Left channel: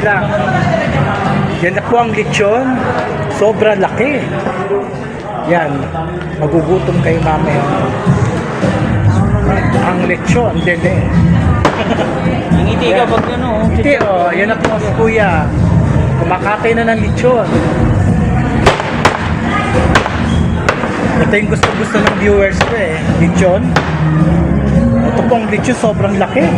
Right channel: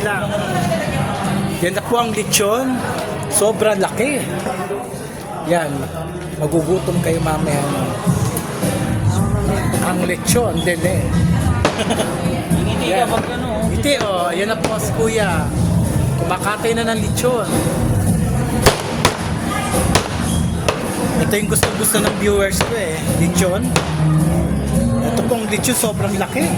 Sige lang. Yan na po ang lechon. Sobrang laki. Yan. Magugutom kayo mamaya. Ang lechon, dede. Ngiti ka pag ano. Hindi, oh. Yan na po si Kuya. Kumakatay na ng lechon. Ito yung gusto-gusto ng viewers ko eh. Lechon. Ito pong lechon sobrang laki.